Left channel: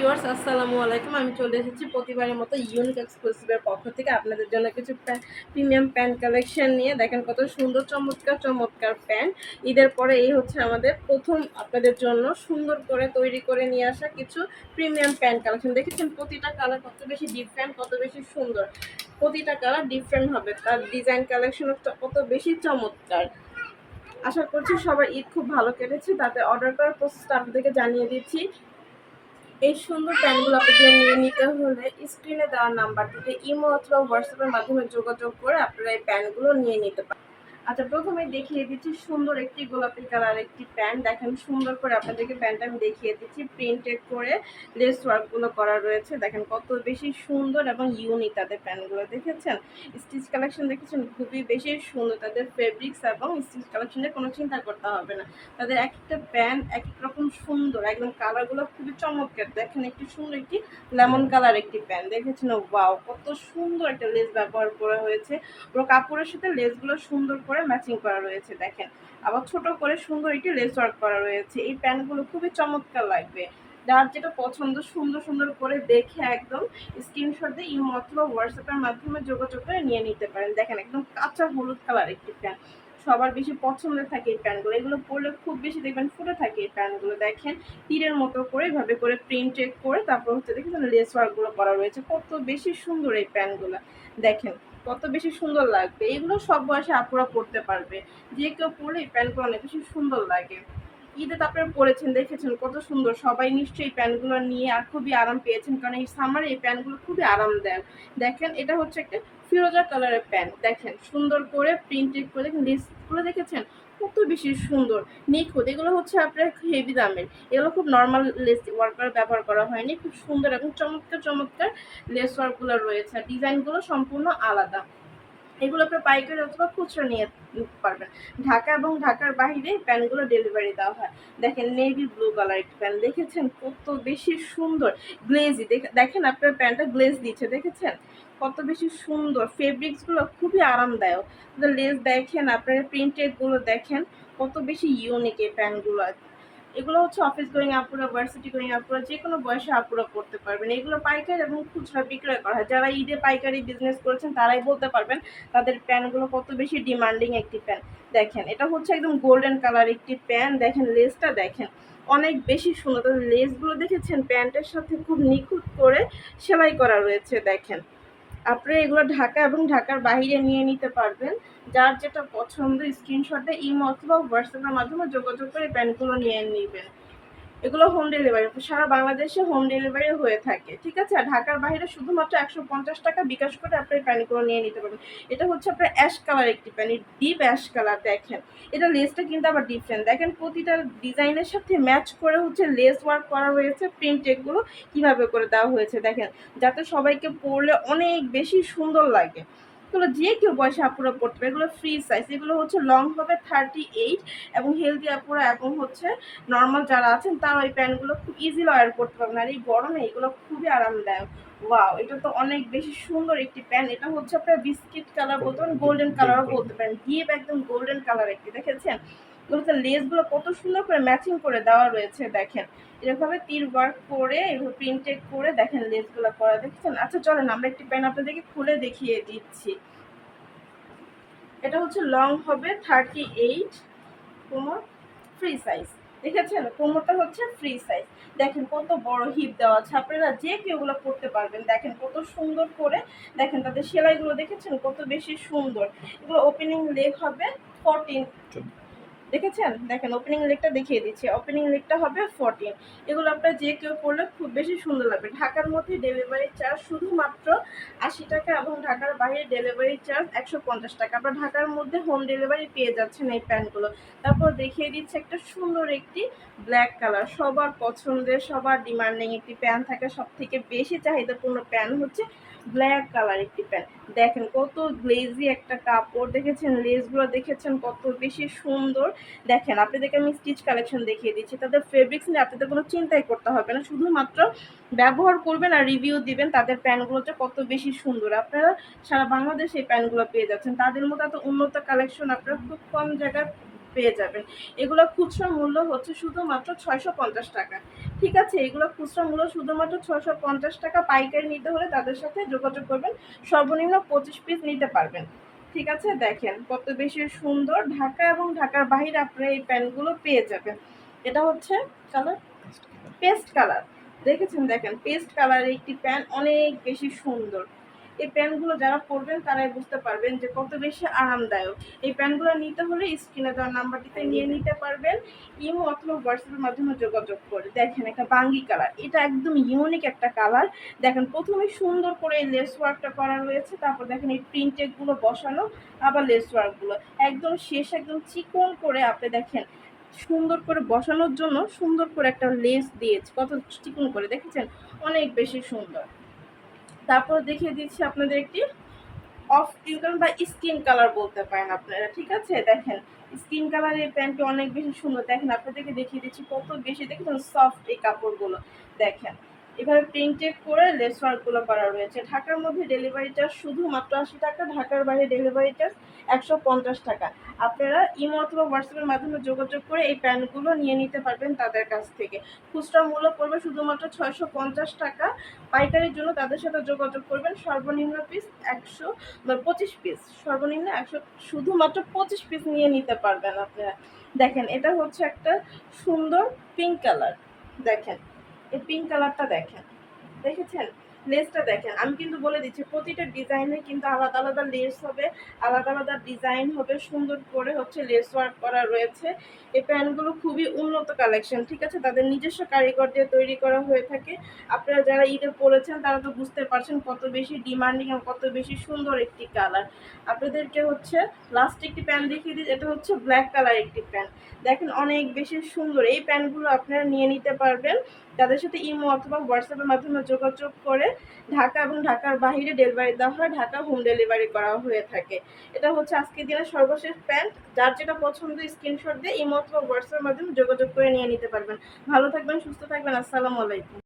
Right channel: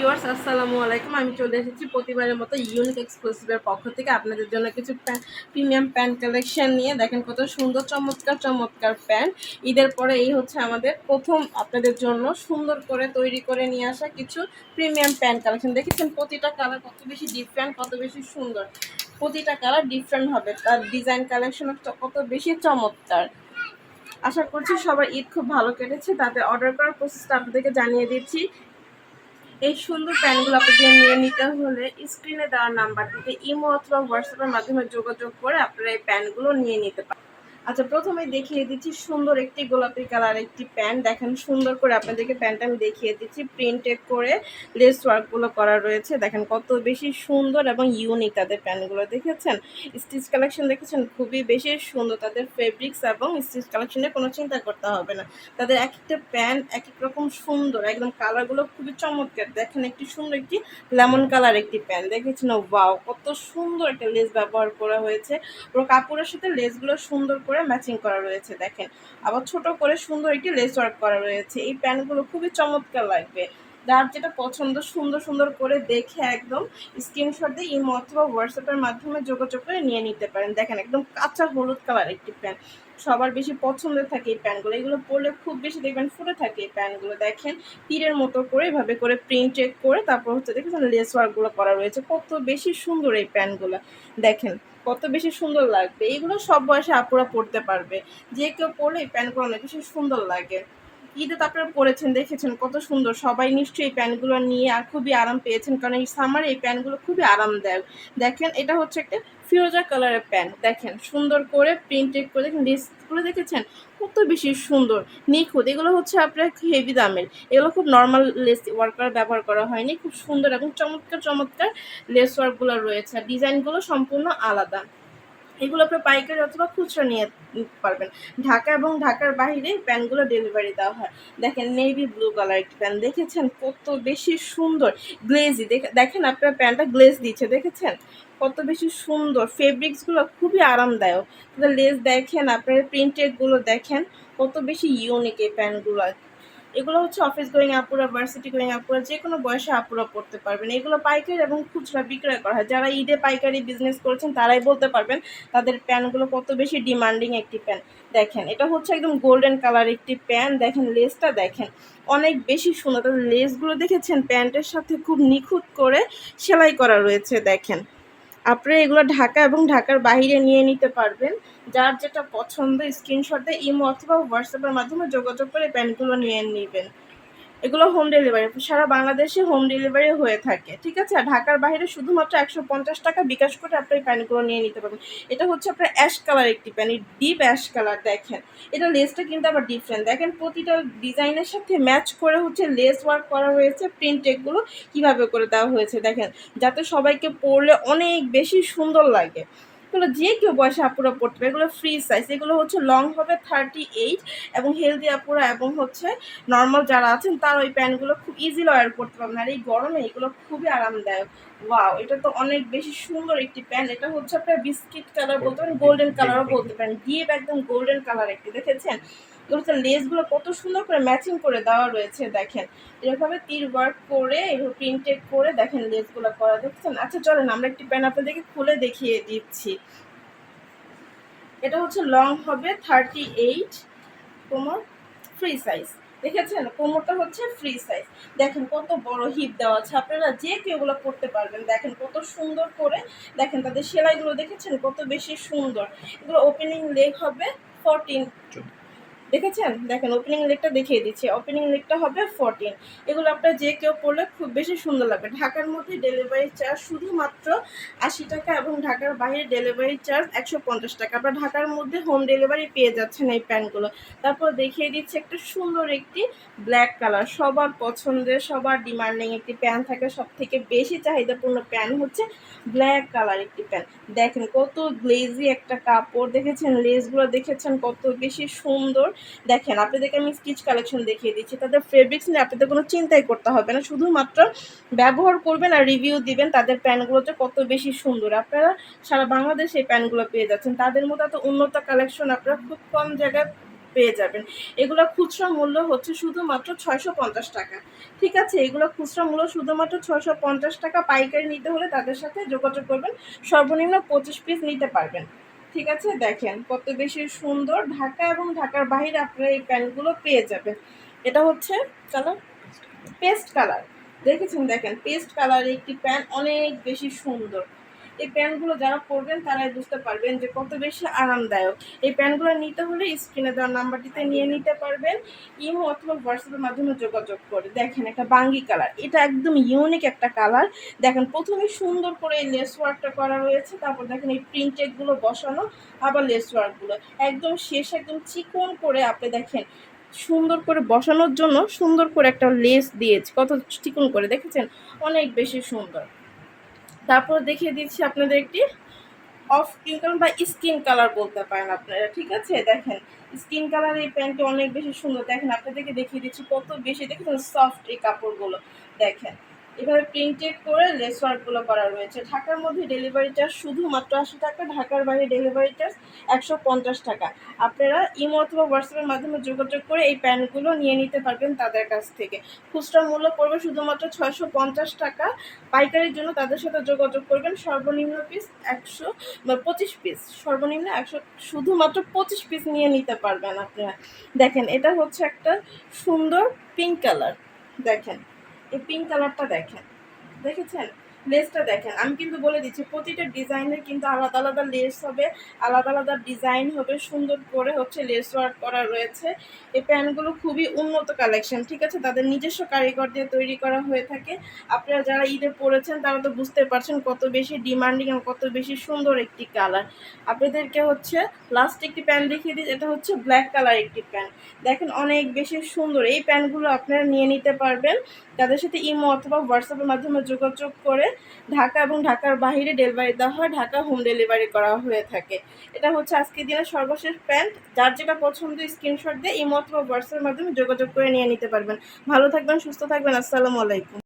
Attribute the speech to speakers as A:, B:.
A: Viewers, আসসালামু আলাইকুম। আমি চলে এসেছি প্রতিবারের মতো ইউনিক এক্সক্লুসিভের পক্ষ থেকে আপনাদের জন্য কিছু প্রিমিয়াম প্যান্ট কালেকশন নিয়ে। দেখেন কত সুন্দর, চমৎকার চমৎকার প্যান্ট ঈদের পরে এই হচ্ছে আমাদের প্রথম আপনাদের জন্য সুন্দর করে তৈরি করে নিয়ে আসা কিছু প্রিমিয়াম প্যান্ট কালেকশন দেখেছেন প্রতিটা কালার কত বেশি ডিফারেন্ট কত বেশি সুন্দর। প্রতিটা কালার ডিফারেন্ট হবে। তার ডিজাইন কালেকশন কত বেশি চমৎকার। আশা করছি সবার ঈদ খুব ভালো কেটেছে। তাতে অর্ডার করার প্রসেসটা আপনাদেরকে জানিয়ে দিচ্ছি। এই সুন্দর প্যানগুলো আপনাদের নিয়ে নিতে হলে স্ক্রিনে দেওয়া নাম্বারটিতে ইমো অথবা হোয়াটসঅ্যাপের মাধ্যমে যোগাযোগ করে আপনারা এই প্যানগুলো নিয়ে নিতে পারেন আচ্ছা প্রথমে দেখিয়ে দিচ্ছি সুন্দর একটি গোলাপি কালার একটি প্যান্ট। দেখেন, সুন্দর করে আপনাদেরকে প্যান্ট আমি দেখিয়ে দিচ্ছি। প্রিন্টেড করে লেস ওয়ার্কগুলো করা রয়েছে। দেখেন, কত বেশি সুন্দর এবং ইউনিক তাদের প্যান্টগুলো, দেখেছেন? স্টিচ কালেকশন দেখেছেন? খুবই বেশি সুন্দর তাদের ফেব্রিক্স এবং স্টিচ কালেকশনে কোনো চিন্তা করতে হবে না। তাদের এক একটা প্যান্ট এক এক রকম সুন্দর, একদম কালারগুলো খুবই চমৎকার। দেখেন, একটি সুন্দর একটি লেমন কালার একটি প্যান্ট, দেখেছেন? ওয়াও, কত সুন্দর একটা লেস ব্যবহার করা হয়েছে। পুরো কাপড়ের সাথে লেসগুলো সুন্দর করে ম্যাচিং করা রয়েছে, দেখেন। আবার ছোট করে সুন্দর একটি লেস ওয়ার্ক করা রয়েছে। এই প্যান্টগুলো খুবই চমৎকার লাগবে। যার যেটা পছন্দ, সুন্দর সুন্দর করে দেখে একদম স্ক্রিনশট দিয়ে ইমো অথবা হোয়াটসঅ্যাপের মাধ্যমে যোগাযোগ করে নিয়ে নিতে পারেন। দেখেন, একদম কাঁচা হলুদ কালার একটি প্যান্ট সবার বেশি পছন্দের থাকে এই প্যান্টগুলো। এগুলো পরলে খুব বেশি দেখবেন ফুটে থাকে এই প্যান্টগুলো। দেখেন, তীরের মতো করে এভাবে করে প্রিন্ট চেক করে তারপর হচ্ছে দেখেন লেস ওয়ার্কগুলো করা রয়েছে। কত বেশি সুন্দর এই প্যান্টগুলো। দেখেন, কত বেশি সুন্দর লাগবে। এগুলো সব বয়সে আপুরা পড়তে পারবে। যে কেউ পরলে এই প্যান্টগুলো অনেক বেশি সুন্দর লাগে। ঈদে তো আপনারা পরেছেন দেখেছেন, কত সুন্দর। সবাই নিশ্চয়ই এই প্যান্টগুলো নিয়ে আর খুবই আরাম পেয়েছেন, কারণ এই সামারে এই প্যান্টগুলো খুবই আরামদায়ক। দেখেন, এটা হচ্ছে একটা ফিরোজা কালারের প্যান্ট। দেখেন, সুন্দর করে প্রিন্টেড করে, দেখেন লিস্টগুলো দেখেছেন? কত বেশি সুন্দর। নিখুঁত, এগুলো হচ্ছে আপনার হেভি দামের। এগুলো খুব নর্মাল লেস ওয়ার্কার ব্যবহার করা হয়নি, খুব সুন্দর এবং চমৎকার চমৎকার লেস ওয়ার্কগুলো রয়েছে। ডিজাইনগুলো সম্পূর্ণ আলাদা। এগুলো আপনার পাইকারি অথবা খুচরো নিয়ে নিতে পারবেন। ঢাকা এবং ঢাকার বাইরে প্যান্টগুলো ডেলিভারি দেওয়া হয়। দেখেন নেভি ব্লু কালার একটি প্যান্ট দেখেছেন? কত বেশি সুন্দর। গ্লেজি দেখেন আপনার প্যান্টটা গ্লেজ দিচ্ছে, দেখেছেন? কত বেশি সুন্দর। ফেব্রিক্সগুলো খুবই আরামদায়ক। লেস দেখেন, আপনার প্রিন্টেডগুলো দেখেন, কত বেশি ইউনিক এই প্যান্টগুলো এগুলো হচ্ছে অফিস গোয়িং আপুরা ভার্সিটি গোয়িং আপুরা যে কোনো বয়সে আপুরা পড়তে পারবেন। এগুলো পাইকারি এবং খুচরা বিক্রয় করা হয়। যারা ঈদে পাইকারি বিজনেস করেছেন, তারাই বলতে পারবেন তাদের প্যানগুলো কত বেশি ডিমান্ডিং একটি প্যান দেখেন, এটা হচ্ছে একদম গোল্ডেন কালার একটি প্যান দেখেন লেসটা দেখেন, অনেক বেশি সুন্দর। লেসগুলো দেখেছেন? প্যান্টের সাথে খুব নিখুঁত করে সেলাই করা রয়েছে, দেখেন। আপনারা এগুলো ঢাকা এবং ঢাকার বাইরে নিয়ে নিতে পারবেন। যার যেটা পছন্দ স্ক্রিনশটে ইমো অথবা হোয়াটসঅ্যাপের মাধ্যমে যোগাযোগ করে প্যান্টগুলো নিয়ে নেবেন। এগুলো হোম ডেলিভারি সারা বাংলাদেশে হোম ডেলিভারি হয়ে থাকে, ঠিক আছে? আর ঢাকার বাইরে শুধুমাত্র একশো পঞ্চাশ টাকা বিকাশ করে আপনি এই প্যান্টগুলো নিয়ে নিতে পারবেন। এটা হচ্ছে আপনার অ্যাশ কালার একটি প্যান্ট ডিপ অ্যাশ কালার দেখেন। এটা লেসটা কিন্তু আবার ডিফারেন্ট দেখেন প্রতিটা ডিজাইনের সাথে ম্যাচ করে হচ্ছে লেস ওয়ার্ক করা হয়েছে প্রিন্ট এগুলো কীভাবে করে দেওয়া হয়েছে, দেখেন। যাতে সবাইকে পরলে অনেক বেশি সুন্দর লাগে। এগুলো যে কেউ বয়সে আপুরা পড়তে পারে, এগুলো ফ্রি সাইজ এগুলো হচ্ছে লং হবে থার্টি এইট এবং হেলদি আপুরা এবং হচ্ছে নর্মাল যারা আছেন, তারা ওই প্যান্টগুলো খুব ইজি লয়ার করতে পারবেন। আর এই গরমে এগুলো খুবই আরামদায়ক। ওয়াও এটা তো অনেক বেশি সুন্দর একটি প্যান্ট এটা হচ্ছে আপনার বিস্কিট কালার বলতে পারেন গোল্ডেন কালারও বলতে পারেন। ডিপ একদম গোল্ডেন কালার একটি, দেখেছেন? এগুলোতে লেসগুলো কত সুন্দর করে ম্যাচিং করে দেওয়া রয়েছে, দেখেন। এরকমভাবে তীর ওয়ার্ক করে, এভাবে প্রিন্টেড করে দেখেন লেসগুলো করা, দেখছেন? আচ্ছা চলেন, আমরা একটি প্যান আপনাদেরকে খুলে দেখিয়ে দিচ্ছি। এটা হচ্ছে লং হবে থার্টি এইট কোমর ফ্রি সাইজ দেখেছেন? কোমরটা হচ্ছে ফ্রি সাইজ দেখেন, কত বড় হিপ দেওয়া আছে। আপনারা যে কেউ ওগুলো পড়তে পারবেন। দেখেন, কত সুন্দর করে, দেখেন, তাদের সেলাইগুলো দেখেছেন? কত বেশি সুন্দর। এগুলো ওপেনিং লেগ হবে ফোরটিন দেখেছেন? দেখেন ওপেনিং লেগটা দেখিয়ে দিচ্ছি। ওপেনিং লেগটা হবে ফোরটিন এগুলো আপনার যে কেউ পড়লে খুব বেশি সুন্দর লাগবে। ঢাকার মধ্যে ডেলিভারি চার্জ শুধুমাত্র আশি টাকা এবং ঢাকার বাইরে ডেলিভারি চার্জ একশো পঞ্চাশ টাকা। আপনার ঢাকার মধ্যে হোম ডেলিভারি পেয়ে যাচ্ছেন এই প্যান্টগুলো। তারপর দেখিয়ে দিচ্ছে একটা সুন্দর একটি ব্ল্যাক কালার সবার পছন্দের, সবার ডিমান্ডিং একটি প্যান্ট থাকে। সব থেকে বেশি চাহিদাপূর্ণ প্যান্ট হচ্ছে ব্ল্যাক কালার একটি প্যান্ট দেখেন কত গ্লেজি একটা কাপড়। দেখেছেন? লেসগুলো দেখেছেন কত বেশি সুন্দর। দেখেন, আপনাদেরকে আমি স্টিচ কালেকশন দেখিয়ে দিচ্ছি। তাদের ফেব্রিক্স নিয়ে আপনাদের কোনো চিন্তাই করতে হবে না। শুধুমাত্র ব্যবহার করবেন আর রিভিউ দিবেন, তাদের প্যান্টগুলোতে কত বেশি সুন্দর। আপনারা সারা বাংলাদেশে এই প্যান্টগুলো পেয়ে যাচ্ছেন। তাদের মতো এত উন্নত কালেকশন আপনারা খুব কম জায়গায় পেয়ে যাবেন। এগুলো খুচরা মূল্য হচ্ছে শুধুমাত্র ছয়শো পঞ্চাশ টাকা। ঠিক আছে? এগুলো খুচরা মূল্য শুধুমাত্র ছয়শো পঞ্চাশ টাকা। পাইকারি নিতে হলে তাদের সাথে যোগাযোগ করবেন। সর্বনিম্ন পঁচিশ পিস নিতে পারবেন। ঠিক আছে? দেখেন কত বেশি সুন্দর। ঢাকা এবং ঢাকার বাইরে আপনারা এই প্যান্টগুলো পেয়ে যাবেন। এটা হচ্ছে কালার পেস্ট কালার। দেখেছেন? দেখেন, পেস্ট কালার একটি প্যান্ট অনেক বেশি সুন্দর। এই প্যান্টগুলো যারা পরবেন তারাই বুঝতে পারবেন যে কত বেশি আরামদায়ক। এই প্যান্টগুলো নিতে হলে স্ক্রিনে দেওয়ার নাম্বারটিতে নিয়ে নিতে পারবেন। ইমো অথবা হোয়াটসঅ্যাপের মাধ্যমে যোগাযোগ করে। দেখেন একটা বাঙ্গি কালার। এটা একদম ইউনিক একটা কালার। দেখেন, প্রথমে সুন্দর করে এই লেস ওয়ার্কটা করা রয়েছে। তারপর দেখেন এই প্রিন্টেডগুলো বসানো, আবার লেস ওয়ার্কগুলো একদম শেষ, একদম চিকন করে আপনি দেখেন, সুন্দর করে বসানোর জন্য সুন্দর করে একটা লেস দিয়েছে। কত চিকন করে, দেখেছেন? অনেক বেশি সুন্দর। তারপর দেখিয়ে দিচ্ছি আপনাদের একটি অফ স্কিন বা স্কিন কালার বলতে পারেন আপনারা, ঠিক আছে? দেখেন, স্কিন কালার এই প্যান্টটি অনেক বেশি সুন্দর। দেখেন, আপনাদেরকে দেখিয়ে দিচ্ছি কত বেশি দেখেন সফট এই কাপড়গুলো। দেখেন এভাবে প্রিন্টেড করে লেস ওয়ার্কগুলো করা রয়েছে। ঢাকার মধ্যে ডেলিভারি চার্জ শুধুমাত্র আশি টাকা, ঢাকার বাইরে ডেলিভারি চার্জ একশো পঞ্চাশ টাকা। আপনারা ইমো অথবা হোয়াটসঅ্যাপের মাধ্যমে যোগাযোগ করে এই প্যান্টগুলো নিয়ে নিতে পারবেন তাদের কাছ থেকে। খুচরা মূল্য পড়বে শুধুমাত্র ছয়শো পঞ্চাশ টাকা। পাইকারির জন্য তাদের সাথে যোগাযোগ করবেন সর্বনিম্ন পিস একশো পঁচিশ পিস সর্বনিম্ন একশো, শুধুমাত্র পঁচিশ পিস নিয়ে নিতে পারবেন আপনারা। দেখেন, এটা হচ্ছে একটা সুন্দর পিঙ্ক কালার দেখেন এই পিঙ্ক কালারটা দেখেন। দেখেছেন? লেসটা দেখেন, আমি কিন্তু বলে দিচ্ছি, প্রতিটা ডিজাইনের কিন্তু আলাদা আলাদা লেস হবে, আলাদা আলাদা ডিজাইন হবে, সুন্দর করে হচ্ছে লেস ওয়ার্ক করা রয়েছে। এই প্যান্টগুলো খুবই উন্নত কালেকশন ঠিক আছে? তাদের নিজস্ব কারিগর দিয়ে তৈরি করা হয়ে থাকে। আপনারা যারা ঈদে পড়েছেন তারা তো বুঝতে পারছেন কত বেশি ডিমান্ডিং এবং কত বেশি সুন্দর একটি কালার আপনাদেরকে হচ্ছে লাস্ট একটি প্যান্ট দেখিয়ে দিই, এটা হচ্ছে ব্ল্যাক কালার একটি প্যান্ট দেখেন, অনেক বেশি সুন্দর। এই প্যান্টগুলো আপনারা নিয়ে নিতে পারবেন। তাদের সাথে ইমো অথবা হোয়াটসঅ্যাপের মাধ্যমে যোগাযোগ করে ঢাকা এবং ঢাকার বাহিরে ডেলিভারি দেওয়া হয়, ঢাকা হোম ডেলিভারি করা হয়ে থাকে। এটা হচ্ছে আজকে দিনের সর্বশেষ প্যান্ট। যার যেটা পছন্দ স্ক্রিনশট দিয়ে ইমো অথবা হোয়াটসঅ্যাপের মাধ্যমে যোগাযোগ করে নিয়ে নিতে পারবেন। ভালো থাকবেন, সুস্থ থাকবেন, আসসালামু আলাইকুম।